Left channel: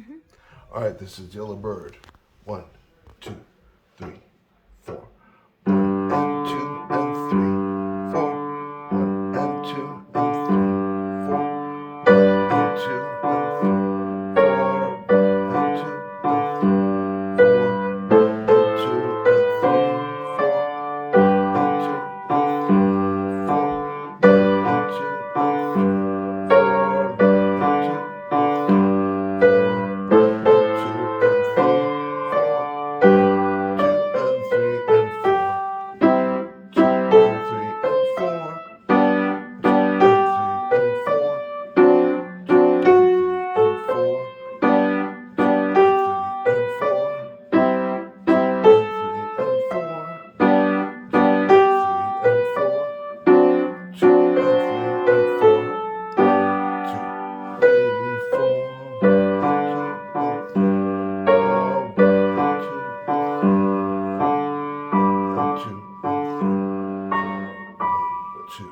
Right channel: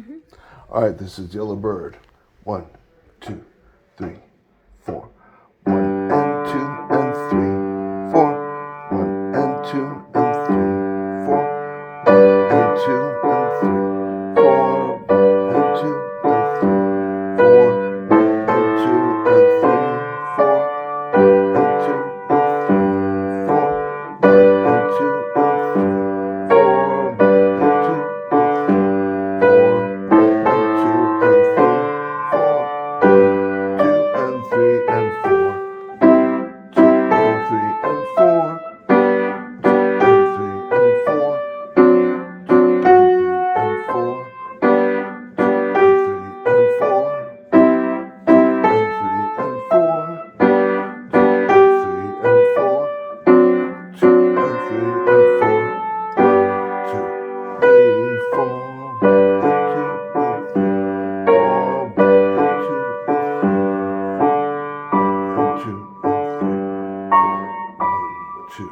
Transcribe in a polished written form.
Mhm. All right, this is Yellow Bird. 1, 2, 3, 4. 1 and 2 and 3, 4. 1 and 2 and 3, 4. 1 and 2 and 3, 4. 1 and 2 and 3, 4. 1 and 2 and 3, 4. 1 and 2 and 3, 4. 1 and 2 and 3, 4. 1 and 2 and 3. Two.